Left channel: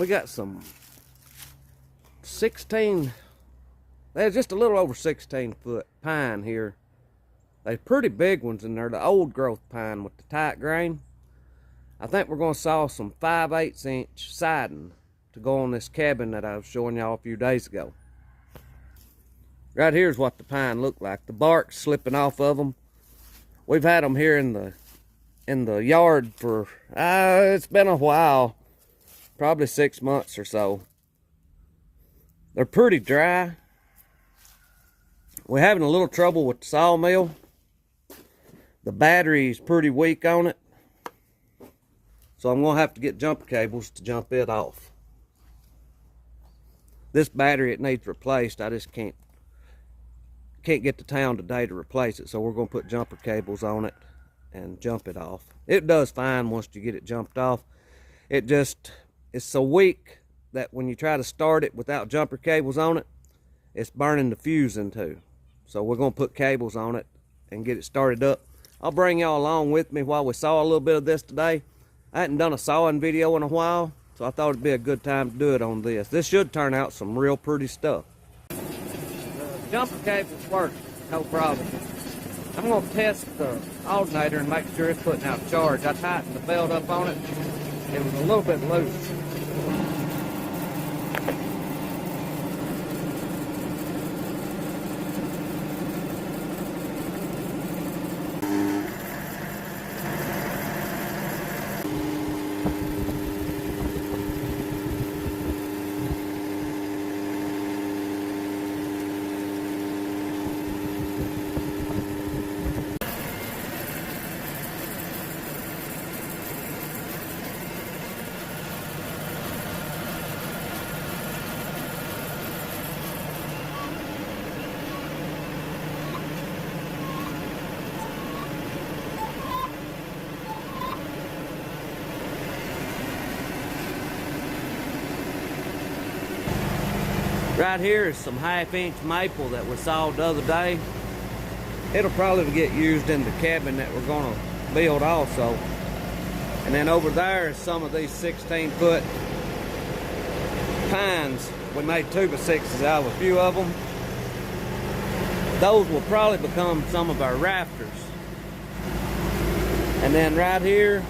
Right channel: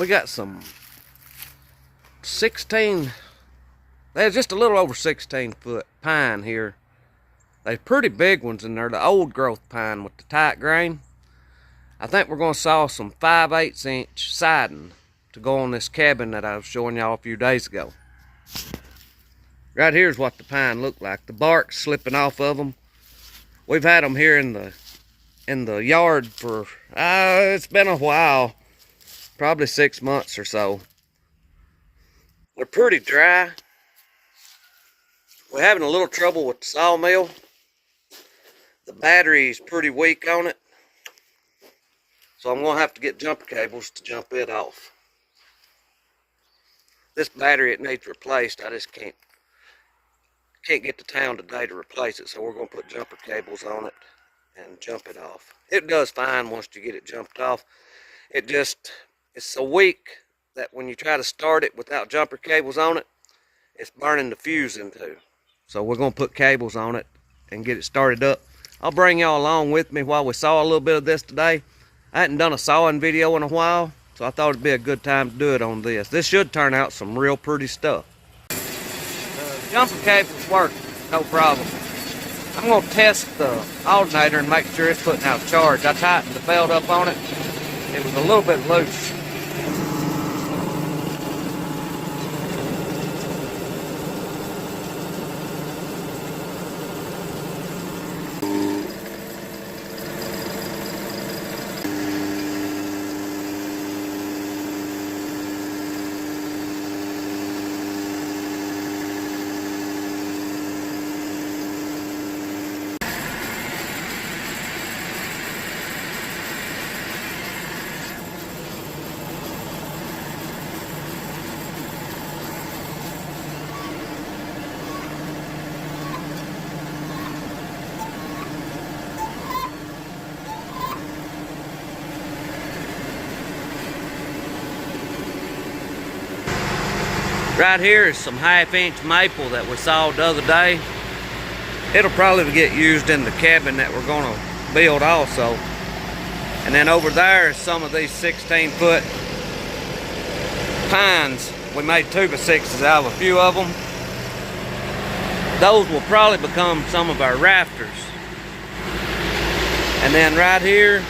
We got some 16, there's just a little over 16-foot pine here. They're pretty big ones in there, the old growth pine with the tight grain. I think we're going to saw some 5/8 inch siding to go on this cabin that I was showing y'all a few days ago. Right here's what the pine looked like. The bark's slipping off of them. We've had them here in the yard for, it's been a while, probably 6 months or so. They're pretty dry. We're having a little trouble with the sawmill. The battery's pretty weak on it. So I'm gonna have to get jumper cables to jump it off. This battery, it needs replaced. I just can't get to town today to replace it. So we're gonna put jumper cables on it and jump it off. It does fine once you get it jumped off. It's so weak that when you try to start it without jumper cables on it, it's burning the fuse in two. So we're gonna put cables on it and get it started up. I'll bring y'all along with me while we saw a little bit of this today. I hadn't done a sawing video in a while, so I thought it'd be a good time to do it on this. This should turn out some real pretty stuff. Jumper cables work, no problem. I'm gonna test the alternator and make sure it's putting out charge. I tightened the belt up on it. It was a little bit loose. Right here is some 1/2 inch maple that we sawed the other day. It'll probably get used in the cabin that we're gonna build also. And then over there is some of these 16-foot pines. We made 2x6s out of a few of them. Those will probably become some of our rafters. And then right here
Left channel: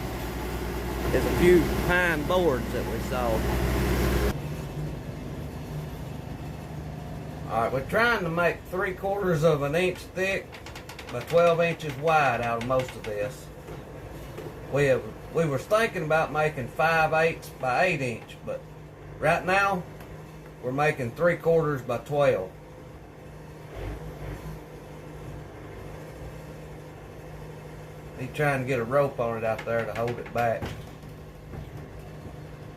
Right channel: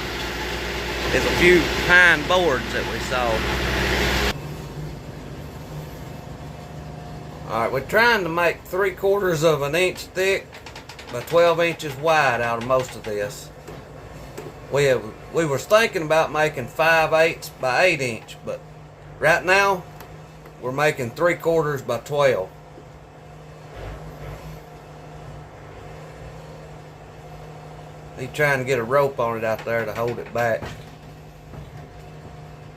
is a few pine boards that we sawed. Alright, we're trying to make 3/4 of an inch thick by 12 inches wide out of most of this. We were thinking about making 5/8 by 8 inch, but right now we're making 3/4 by 12. He's trying to get a rope on it out there to hold it back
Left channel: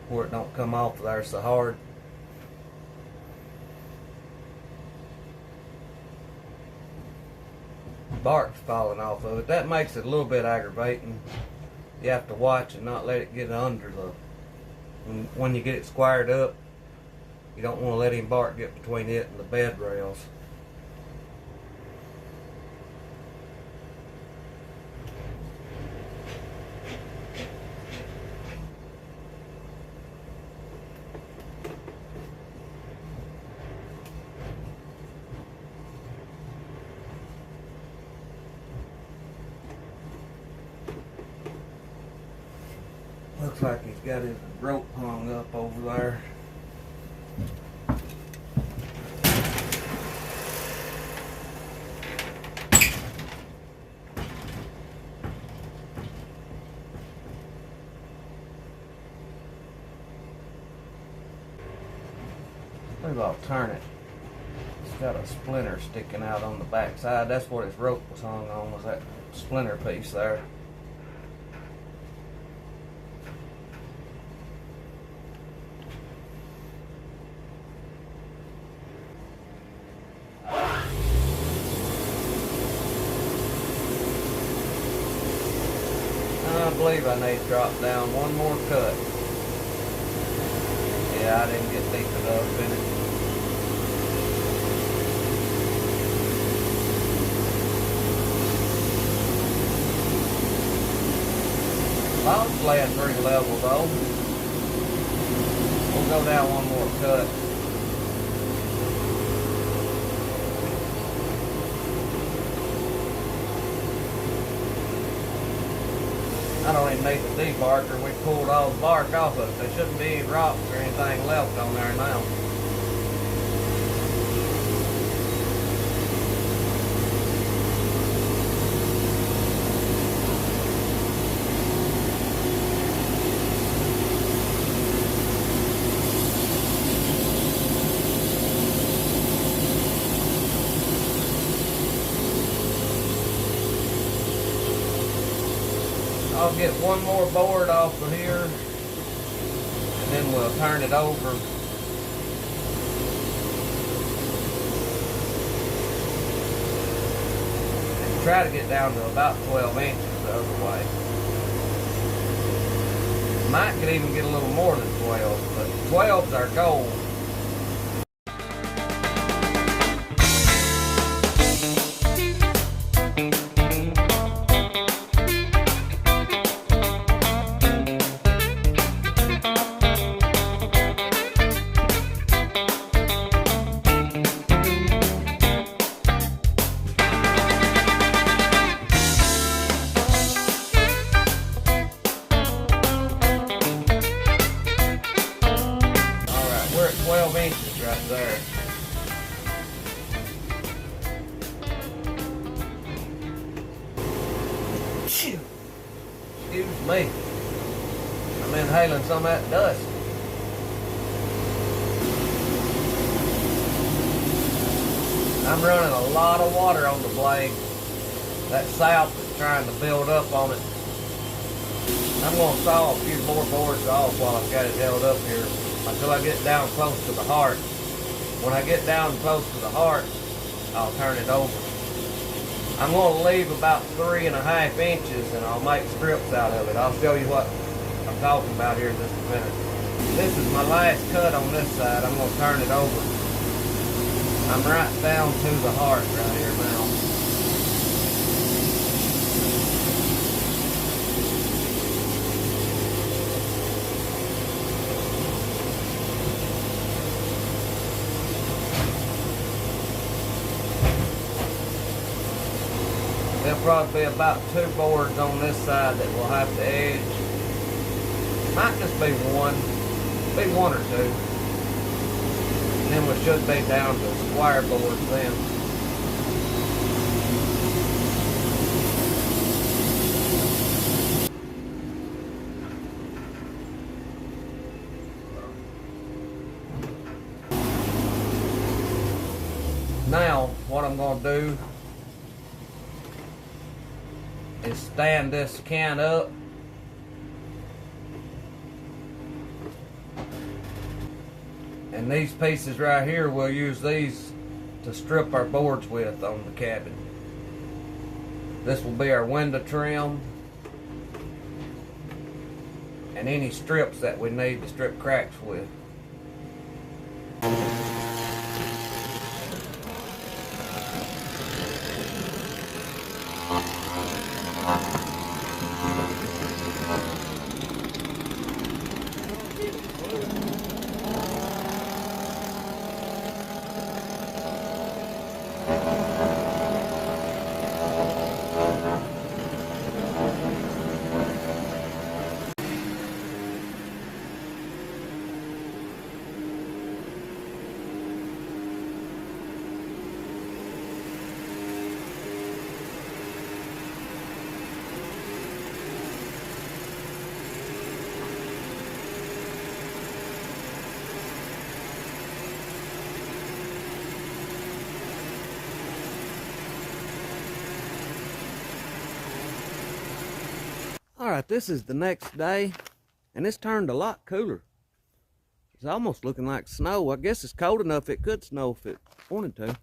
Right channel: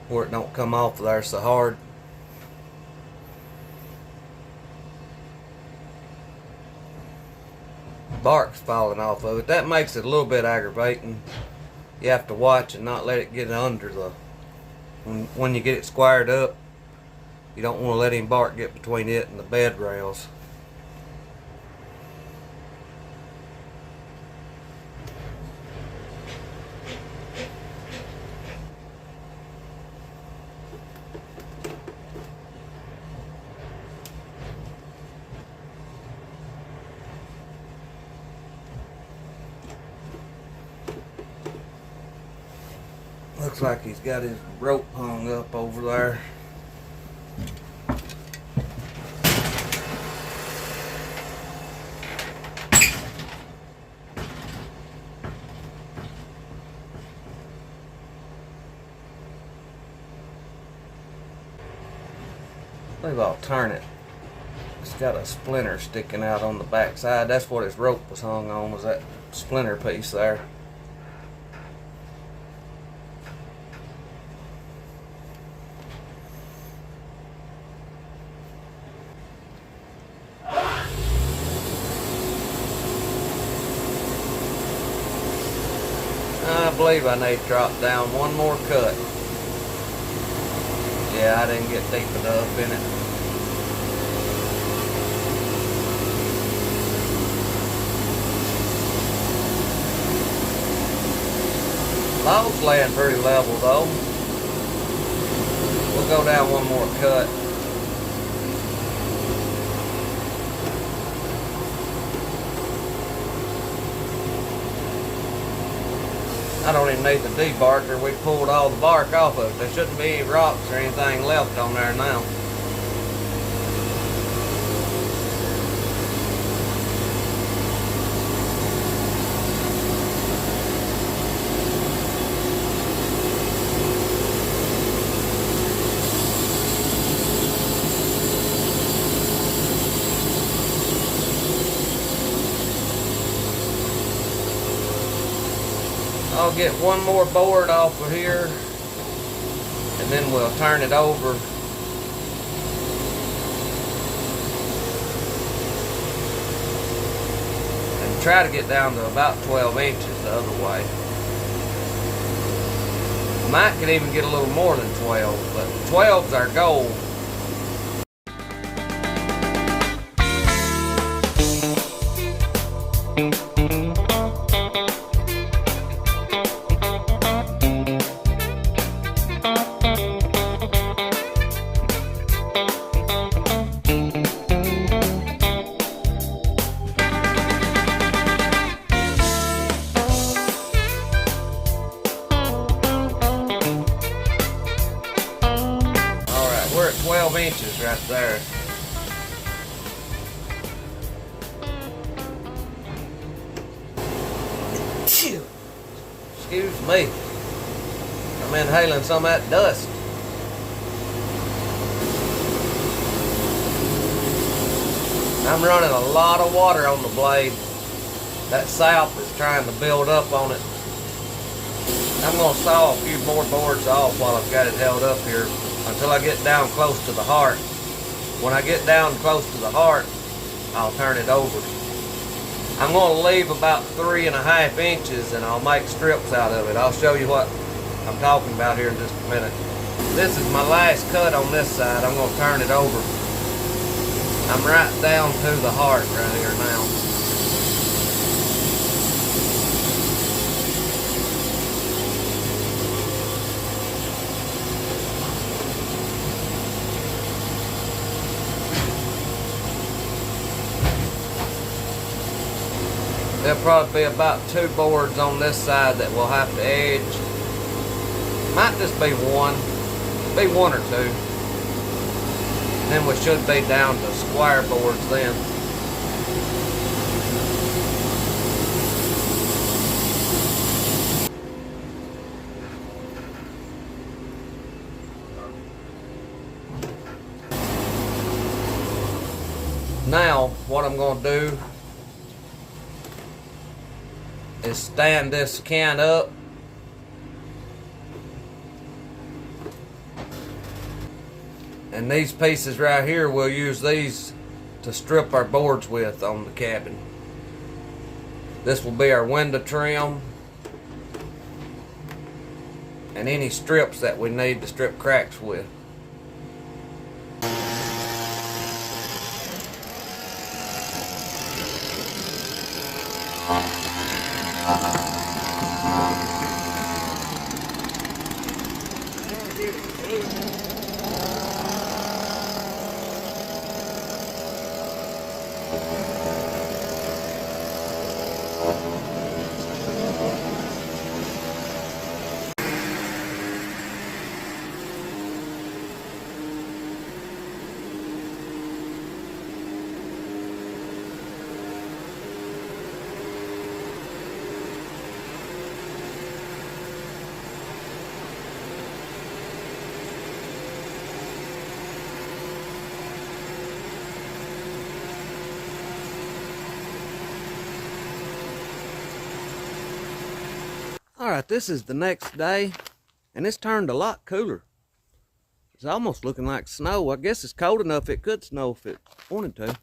where it don't come off there so hard. Bark's falling off of it. That makes it a little bit aggravating. You have to watch and not let it get under the, when you get it squared up, you don't want to let any bark get between it and the bed rails. Looks like he's got his rope hung up over there. I believe I'll turn it. It's got a splinter sticking out on the back side. That's what his rope was hung on, was that splinter piece there. I believe I need to drop down one more cut. Yeah, I didn't get deep enough in it. Log's laying pretty level though. We're go down one more cut. I don't even need the debarker. We pulled all the bark off of it. There shouldn't be any rocks or anything left on there now. I'll get one more board off of here and then we'll turn it over. And try to get down to about 12 inches the other way. Might could even get a little more than 12, but 12's our goal. We're at 12 inches right there. Excuse me. I'm inhaling some of that dust. I'm running a lot of water on the blade. That sap is trying to build up on it. I'm going to saw a few more boards off while I've got it held up here until I get down close to the heart. When I get down close to the heart, I'll turn it over. I'm going to leave about 3.5 inches and I'll make strips out of it. I'll show you what I'm talking about here in just a minute. This is my last cut on this side. I'm going to turn it over. I'm right down to the heart right here now. There'll probably be about 2 boards on this side that we'll have to edge. Might just be one or 2. And then we should be down to square boards then. Now, what I'm going to do is stand this can up and these pieces right here, we'll use these to strip our boards with on the cabin. This will be our window trim and any strips that we need to strip cracks with. Alright, this is the next day, and it's turned a lot cooler. It's almost looking like snow. I guess it's cold enough it could snow if it wanted to.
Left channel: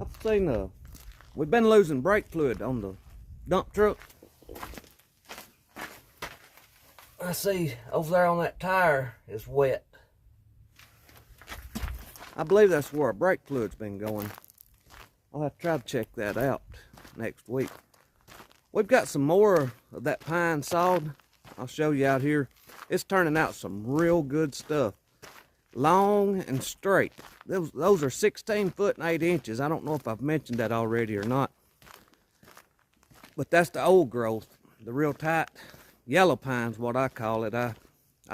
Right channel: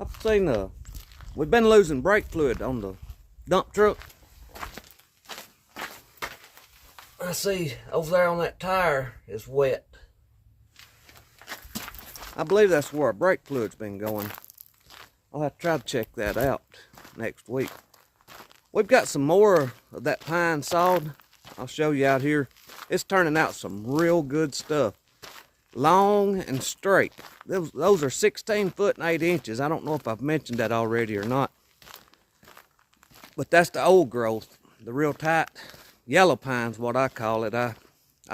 I've seen, we've been losing brake fluid on the dump truck. I see over there on that tire is wet. I believe that's where our brake fluid's been going. I'll have to try to check that out next week. We've got some more of that pine sawed. I'll show you out here. It's turning out some real good stuff. long and straight. Those are 16 foot and 8 inches. I don't know if I've mentioned that already or not. But that's the old growth. The real tight yellow pine's what I call it. I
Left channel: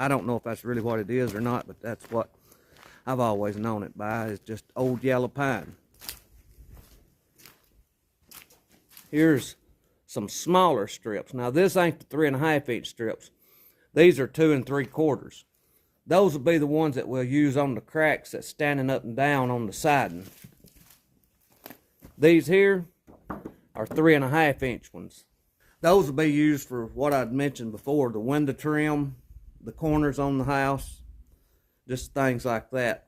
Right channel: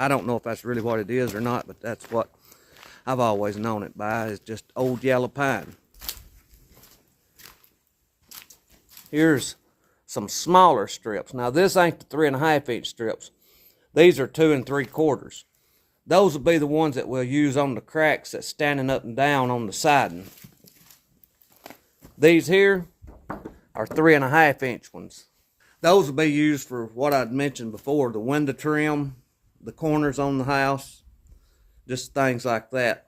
don't know if that's really what it is or not, but that's what I've always known it by, is just old yellow pine. Here's some smaller strips. Now this ain't the 3.5 inch strips. These are 2 3/4. Those will be the ones that we'll use on the cracks that's standing up and down on the siding. These here are 3.5 inch ones. Those will be used for what I'd mentioned before, the window trim, the corners on the house, just things like that.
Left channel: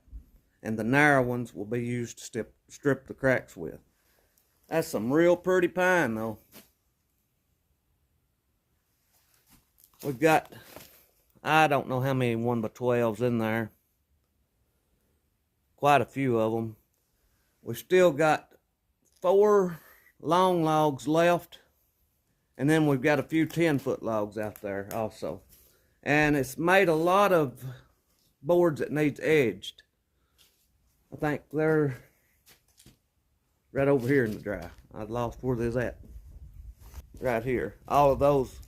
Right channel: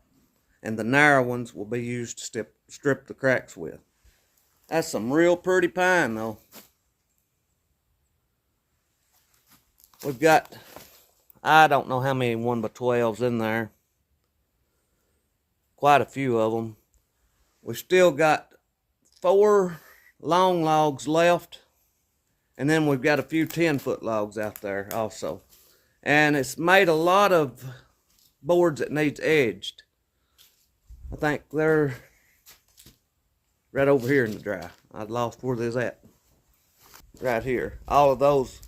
And the narrow ones will be used to strip the cracks with. That's some real pretty pine though. We've got, I don't know how many 1x12s in there. Quite a few of them. We've still got 4 long logs left. And then we've got a few 10-foot logs out there also. And it's made a lot of boards that needs edged. I think they're right over here in the dry. I lost where they's at. Right here. All of those,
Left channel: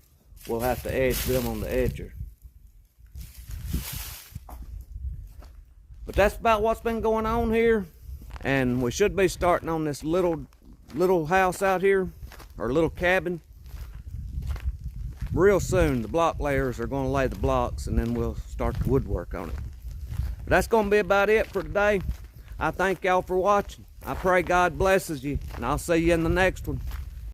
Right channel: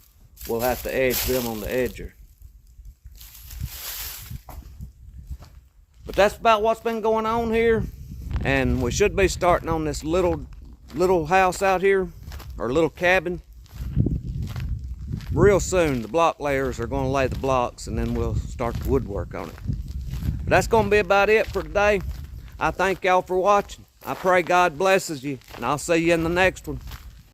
we'll have to edge them on the edger. But that's about what's been going on here. And we should be starting on this little house out here, or little cabin, real soon. The block layers are going to lay the blocks, and then we'll start the woodwork on it. But that's going to be about it for today. I thank y'all for watching. I pray God blesses you, and I'll see you in the next one.